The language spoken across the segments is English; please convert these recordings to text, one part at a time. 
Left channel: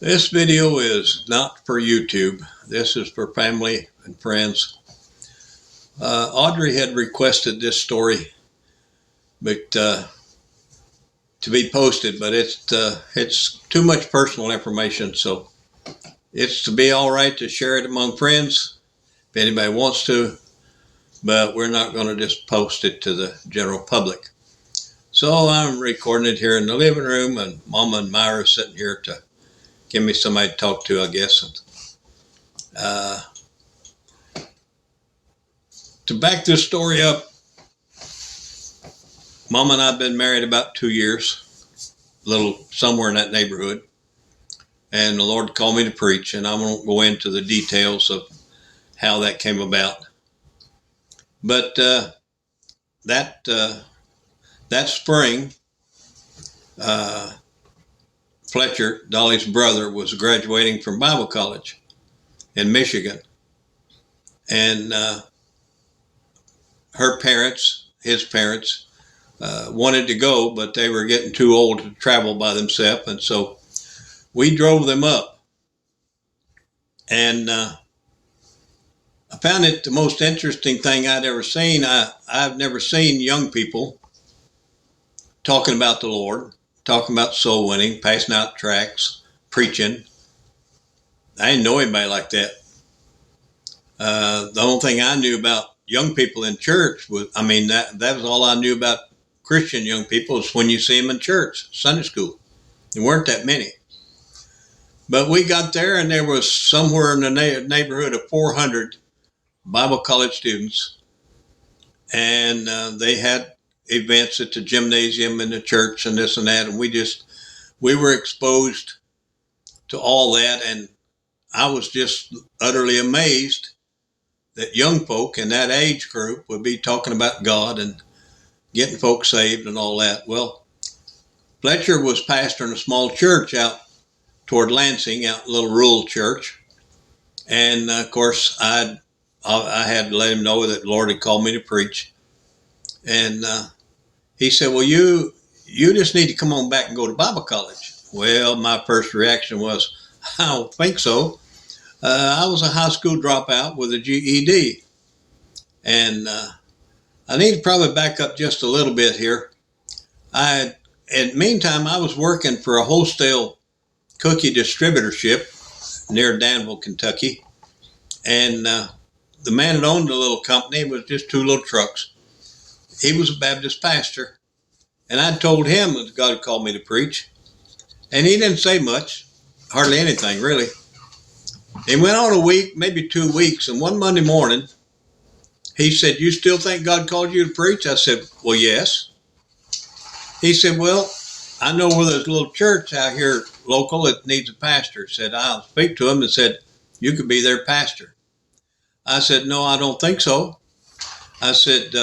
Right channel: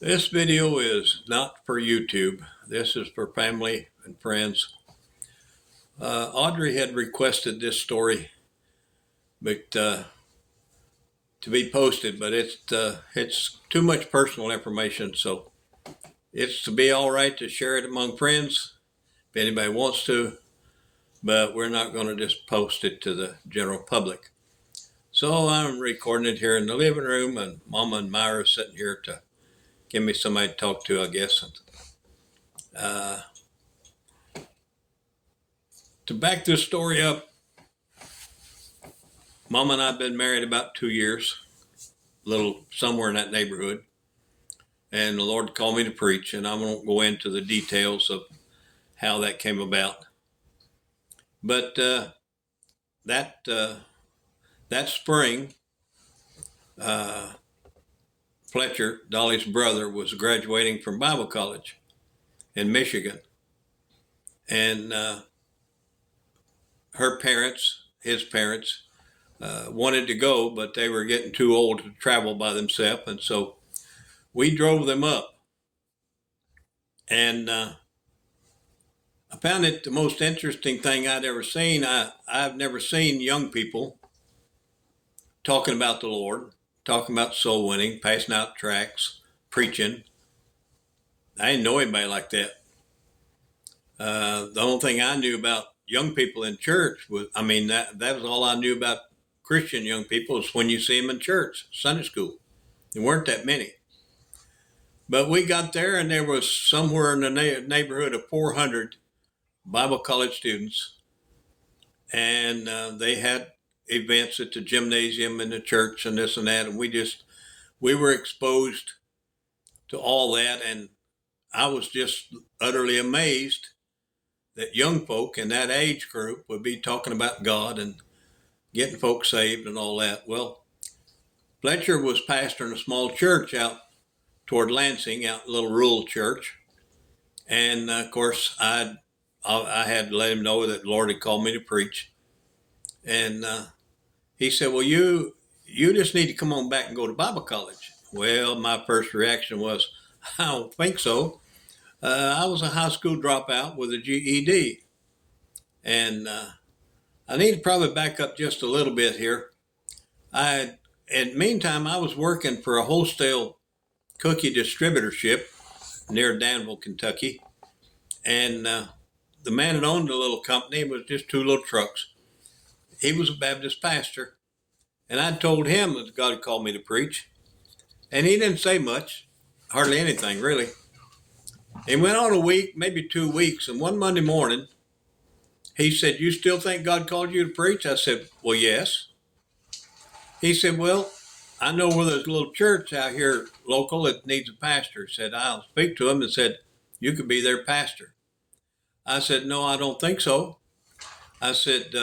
This video is not for YouTube. This is for family and friends. Audrey had requested this story but to be posted, but it's too much personal information, so it's to be all right to share it among friends if anybody wants to, but we're not going to just post it to the general public. So I'm recording it here in the living room, and Mama and Myra are sitting here to give me somebody to talk to, I guess. To back this story up, Mama and I have been married about 2 years, a little somewhere in that neighborhood. And the Lord called me to preach, and I won't go into the details of how that came about. But that spring, Fletcher, Dolly's brother, was graduating from Bible college in Michigan. And his parents, wanted to go, but they were getting too old to travel by themselves. And so we drove them up. And I found it the most interesting thing I'd ever seen. I've never seen young people talking about the Lord, talking about soul winning, passing out tracts, preaching. I didn't know anybody like that. The only thing I knew about young people in church was, that was all I knew about Christian young people, is when you see them in church, Sunday school. There weren't that many. But we got there, and there was somewhere in the neighborhood of 400 Bible college students, and they had events at the gymnasium in the church and this and that, and we were exposed to all that, and I was just utterly amazed that young folk in that age group would be talking about God and getting folks saved and all that. Well, Fletcher was pastoring a small church out toward Lansing, out a little rural church, and of course I had to let him know that the Lord had called me to preach. And he said, well, you just need to come on back and go to Bible college. Well, my first reaction was, I don't think so. I was a high school dropout with a GED. And I need to probably back up just a little bit here. In the meantime, I was working for a wholesale cookie distributorship near Danville, Kentucky. And the man that owned the little company was just two little trucks. He was a Baptist pastor. And I told him that God had called me to preach. And he didn't say much, hardly anything, really. It went on a week, maybe 2 weeks. And one Monday morning, he said, you still think God called you to preach? I said, well, yes. He said, well, I know where there's a little church out here local that needs a pastor. Said, I'll speak to him, and said, you could be their pastor. I said, no, I don't think so. I said,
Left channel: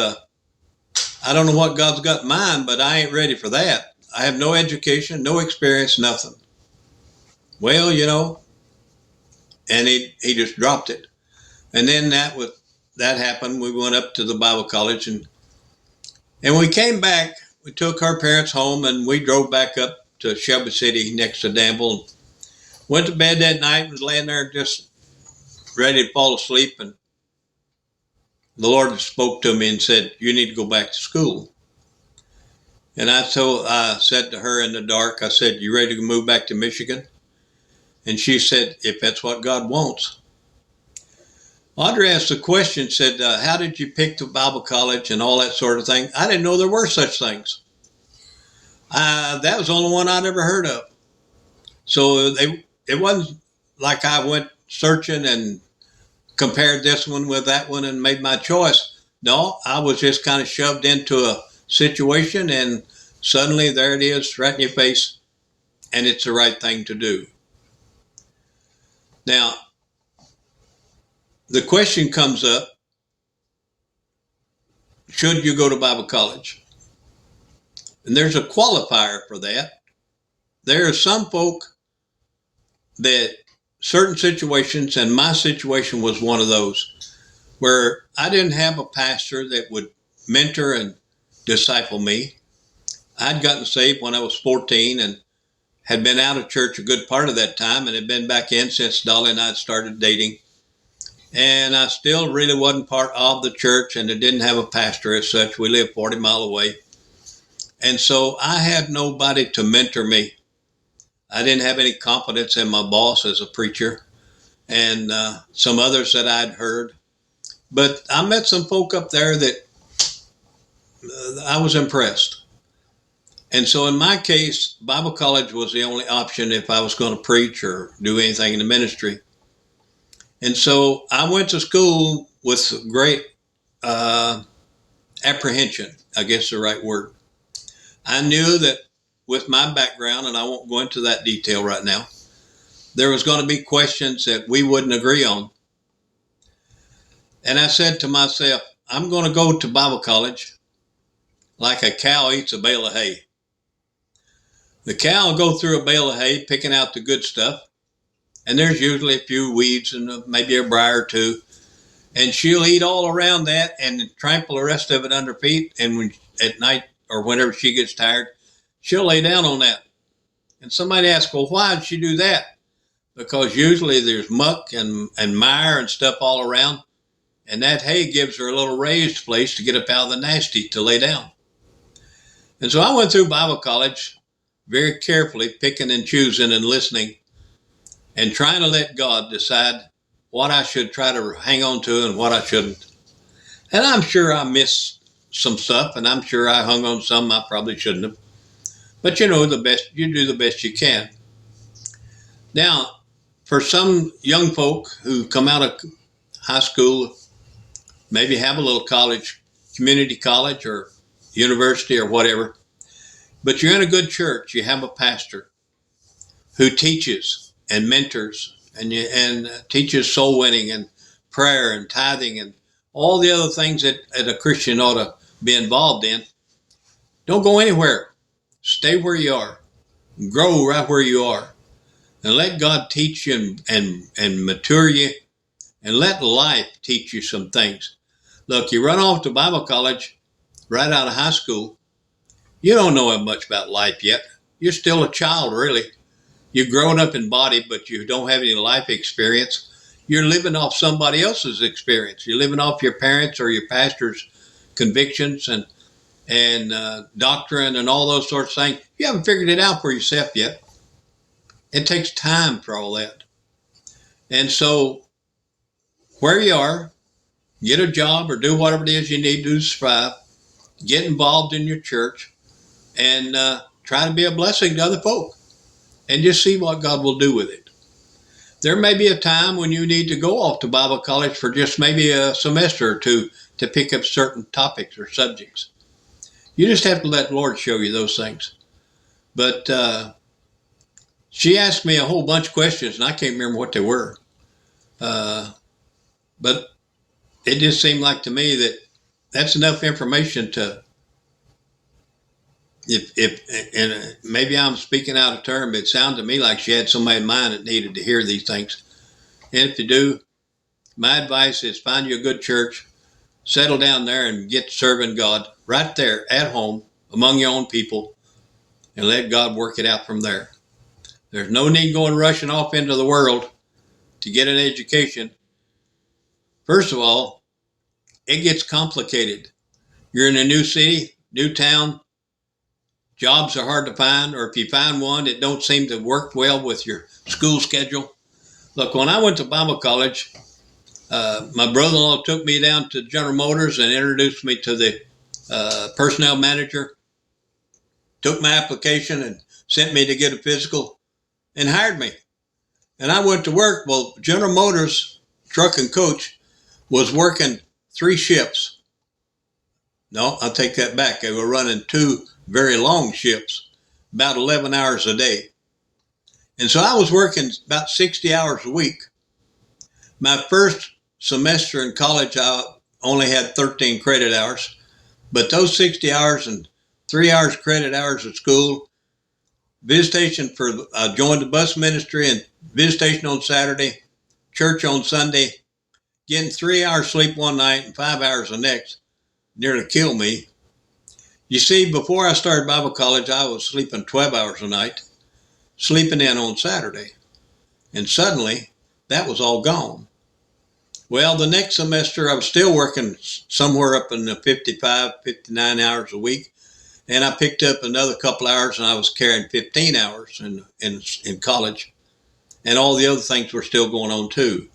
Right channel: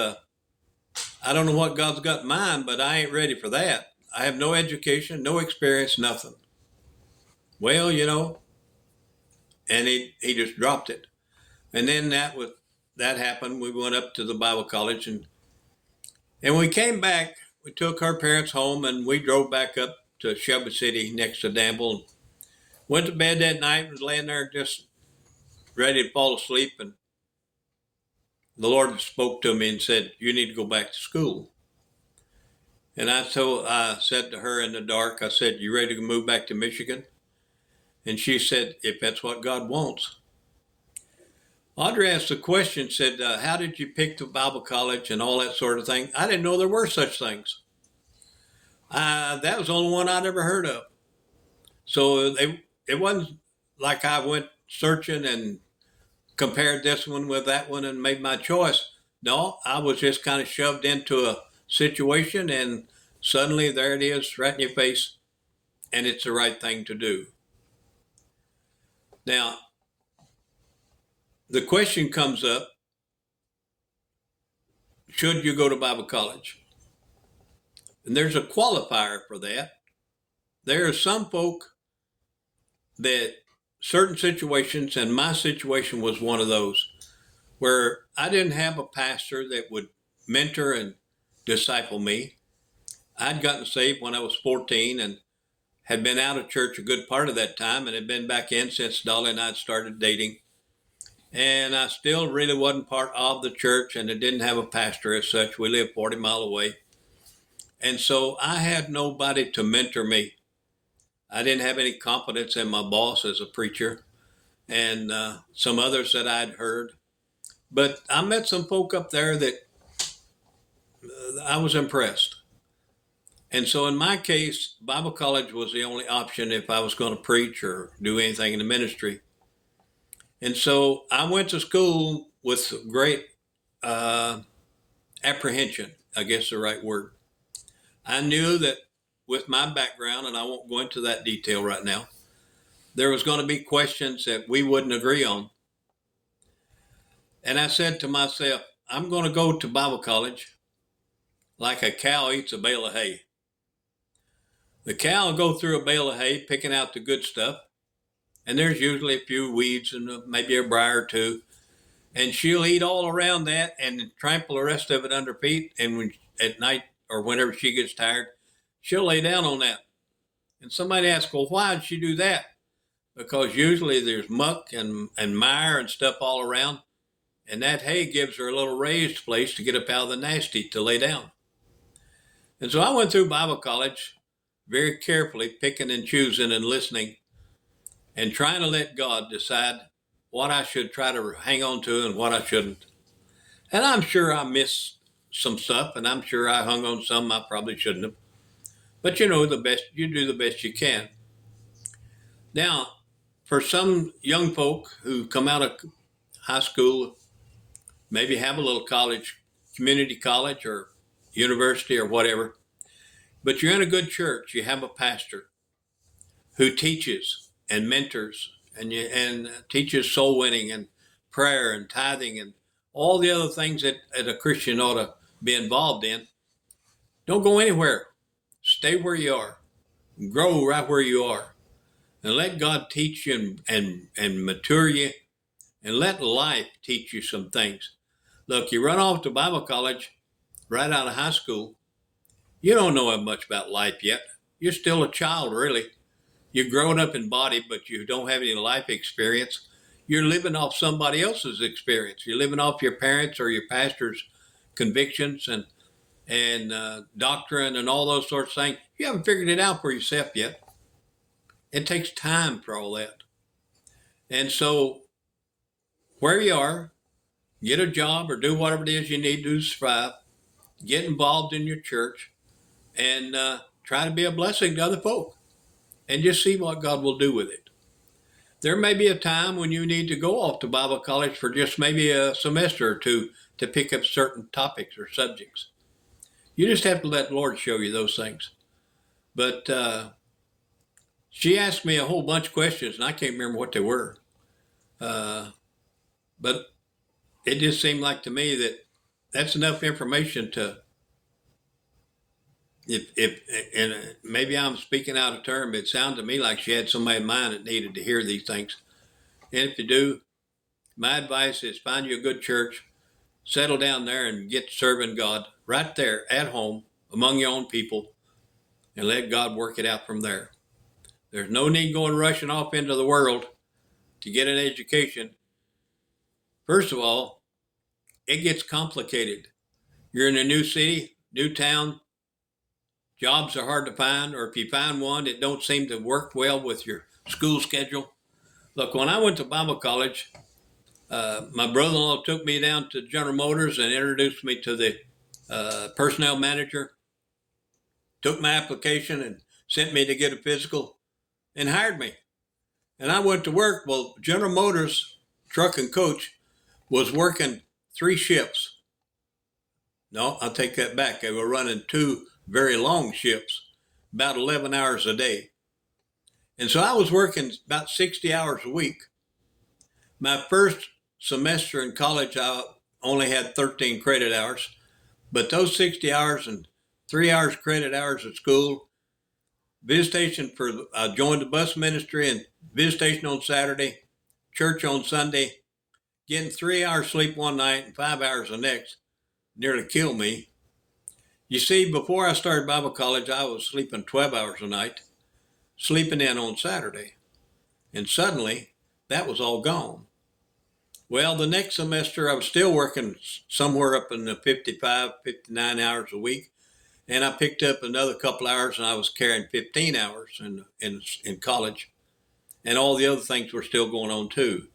I don't know what God's got in mind, but I ain't ready for that. I have no education, no experience, nothing. Well, and he just dropped it. And then that happened. We went up to the Bible college, and we came back. We took our parents home, and we drove back up to Shelby City next to Danville. Went to bed that night, was laying there just ready to fall asleep, and the Lord spoke to me and said, you need to go back to school. And I said to her in the dark, I said, you ready to move back to Michigan? And she said, if that's what God wants. Audrey asked the question, said, how did you pick the Bible college and all that sort of thing? I didn't know there were such things. That was the only one I'd ever heard of. So it wasn't like I went searching and compared this one with that one and made my choice. No, I was just kind of shoved into a situation, and suddenly there it is right in your face, and it's the right thing to do. Now, the question comes up, should you go to Bible college? And there's a qualifier for that. There are some folk that certain situations, and my situation was one of those, where I didn't have a pastor that would mentor and disciple me. I'd gotten saved when I was 14 and had been out of church a good part of that time and had been back in since Dolly and I had started dating. And I still really wasn't part of the church, and it didn't have a pastor as such. We lived 40 miles away. And so I had nobody to mentor me. I didn't have any confidence in my boss as a preacher and some others that I'd heard. But I met some folk up there that I was impressed. And so in my case, Bible college was the only option if I was going to preach or do anything in the ministry. And so I went to school with great apprehension, I guess the right word. I knew that with my background, and I won't go into that detail right now, there was going to be questions that we wouldn't agree on. And I said to myself, I'm going to go to Bible college like a cow eats a bale of hay. The cow will go through a bale of hay, picking out the good stuff. And there's usually a few weeds and maybe a briar or two. And she'll eat all around that and trample the rest of it under feet. And when, at night or whenever she gets tired, she'll lay down on that. And somebody asks, well, why did she do that? Because usually there's muck and mire and stuff all around. And that hay gives her a little raised place to get up out of the nasty to lay down. And so I went through Bible college very carefully, picking and choosing and listening and trying to let God decide what I should try to hang on to and what I shouldn't. And I'm sure I missed some stuff, and I'm sure I hung on some I probably shouldn't have. But you do the best you can. Now, for some young folk who come out of high school, maybe have a little college, community college or university or whatever, but you're in a good church, you have a pastor who teaches and mentors and teaches soul winning and prayer and tithing and all the other things that a Christian ought to be involved in. Don't go anywhere. Stay where you are. Grow right where you are. And let God teach you and mature you, and let life teach you some things. Look, you run off to Bible college right out of high school, you don't know much about life yet. You're still a child, really. You're growing up in body, but you don't have any life experience. You're living off somebody else's experience. You're living off your parents or your pastor's convictions and doctrine and all those sorts of things. You haven't figured it out for yourself yet. It takes time for all that. And so where you are, get a job or do whatever it is you need to do to survive. Get involved in your church and try to be a blessing to other folk and just see what God will do with it. There may be a time when you need to go off to Bible college for just maybe a semester or two to pick up certain topics or subjects. You just have to let the Lord show you those things. But she asked me a whole bunch of questions, and I can't remember what they were. But it just seemed like to me that that's enough information to, and maybe I'm speaking out of turn, but it sounded to me like she had somebody in mind that needed to hear these things. And if you do, my advice is find you a good church, settle down there and get serving God right there at home among your own people, and let God work it out from there. There's no need going rushing off into the world to get an education. First of all, it gets complicated. You're in a new city, new town. Jobs are hard to find, or if you find one, it don't seem to work well with your school schedule. Look, when I went to Bible college, my brother-in-law took me down to General Motors and introduced me to the personnel manager, took my application and sent me to get a physical and hired me. And I went to work. Well, General Motors truck and coach was working 3 shifts. No, I'll take that back. They were running 2 very long shifts, about 11 hours a day. And so I was working about 60 hours a week. My first semester in college, I only had 13 credit hours, but those 60 hours and 3 hours credit hours at school, visitation I joined the bus ministry and visitation on Saturday, church on Sunday, getting 3 hours sleep one night and 5 hours the next, nearly killed me. You see, before I started Bible college, I was sleeping 12 hours a night. sleeping in on Saturday. And suddenly, that was all gone. Well, the next semester, I was still working somewhere up in the 55, 59 hours a week. And I picked up another couple hours, and I was carrying 15 hours in college. And all the other things were still going on too.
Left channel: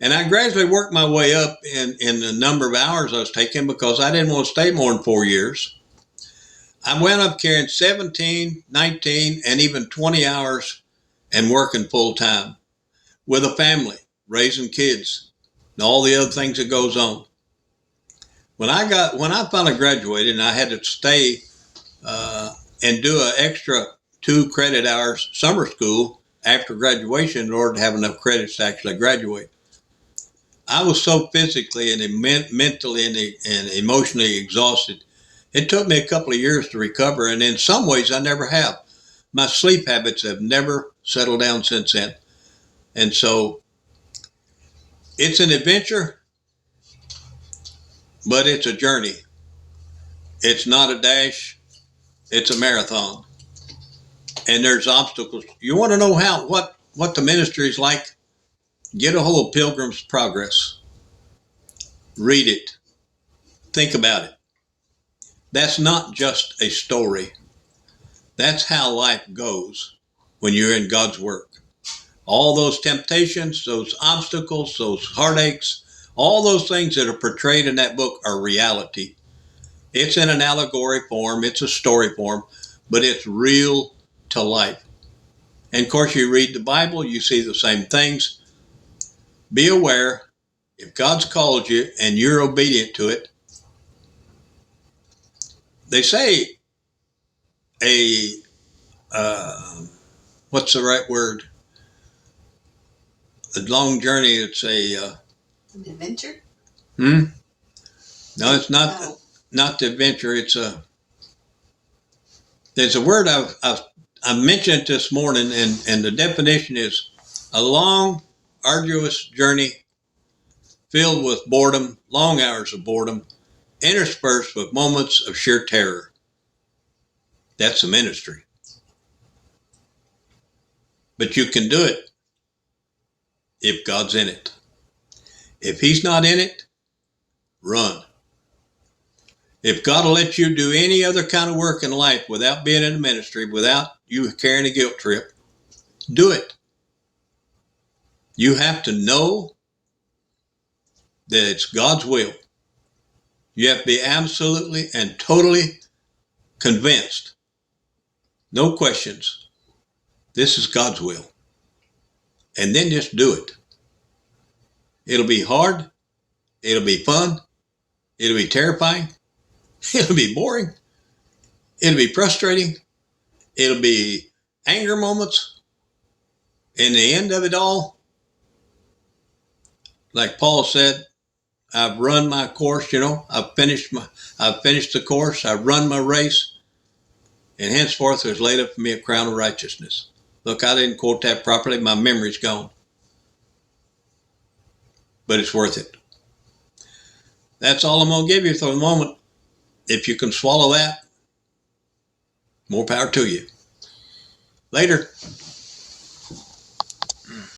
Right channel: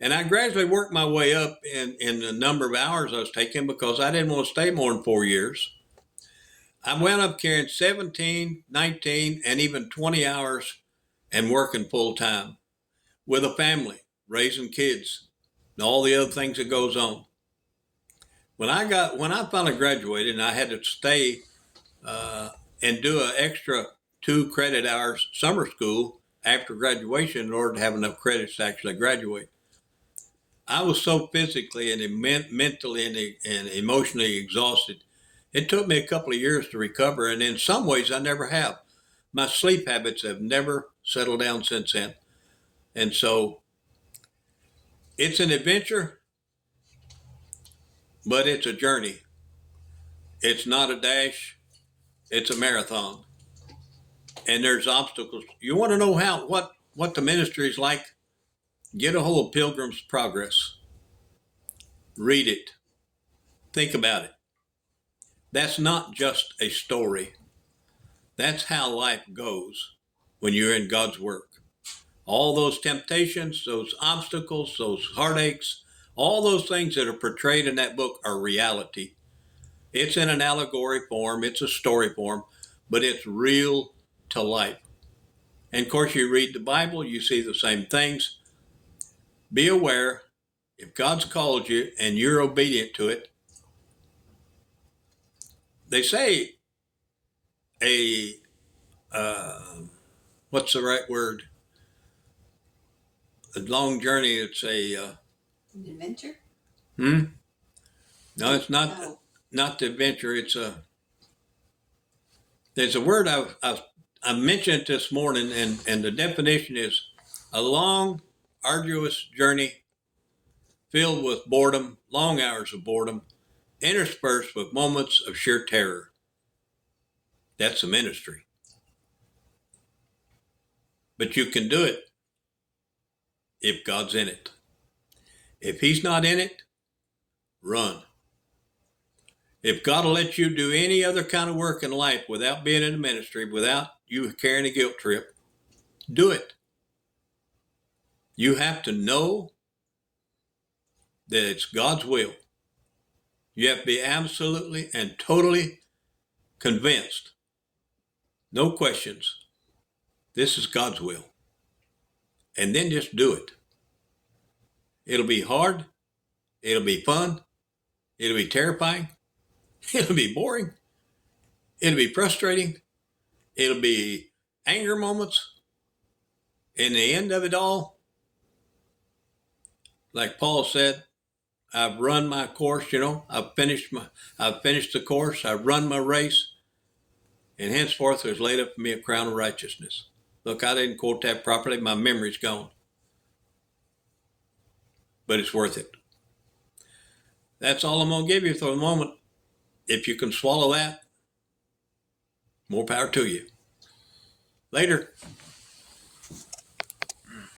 And I gradually worked my way up in the number of hours I was taking because I didn't want to stay more than 4 years. I wound up carrying 17, 19, and even 20 hours and working full time with a family, raising kids, and all the other things that goes on. When I finally graduated and I had to stay and do an extra 2 credit hours summer school after graduation in order to have enough credits to actually graduate, I was so physically and mentally and emotionally exhausted. It took me a couple of years to recover, and in some ways I never have. My sleep habits have never settled down since then. And so it's an adventure, but it's a journey. It's not a dash, it's a marathon. And there's obstacles. You want to know what the ministry is like? Get a hold of Pilgrim's Progress. Read it. Think about it. That's not just a story. That's how life goes when you're in God's work. All those temptations, those obstacles, those heartaches, all those things that are portrayed in that book are reality. It's in an allegory form, it's a story form, but it's real to life. And of course, you read the Bible, you see the same things. Be aware, if God's called you and you're obedient to it, they say what's the right word? A long journey, it's an adventure? No, it's not. No. Not the adventure. There's a word I mentioned this morning, and the definition is a long, arduous journey filled with boredom, long hours of boredom, interspersed with moments of sheer terror. That's the ministry. But you can do it if God's in it. If He's not in it, run. If God will let you do any other kind of work in life without being in the ministry, without you carrying a guilt trip, do it. You have to know that it's God's will. You have to be absolutely and totally convinced. No questions. This is God's will. And then just do it. It'll be hard. It'll be fun. It'll be terrifying. It'll be boring. It'll be frustrating. It'll be anger moments. In the end of it all, like Paul said, I've run my course, I've finished the course, I've run my race, and henceforth there's laid up for me a crown of righteousness. Look, I didn't quote that properly, my memory's gone. But it's worth it. That's all I'm going to give you for the moment. If you can swallow that, more power to you. Later.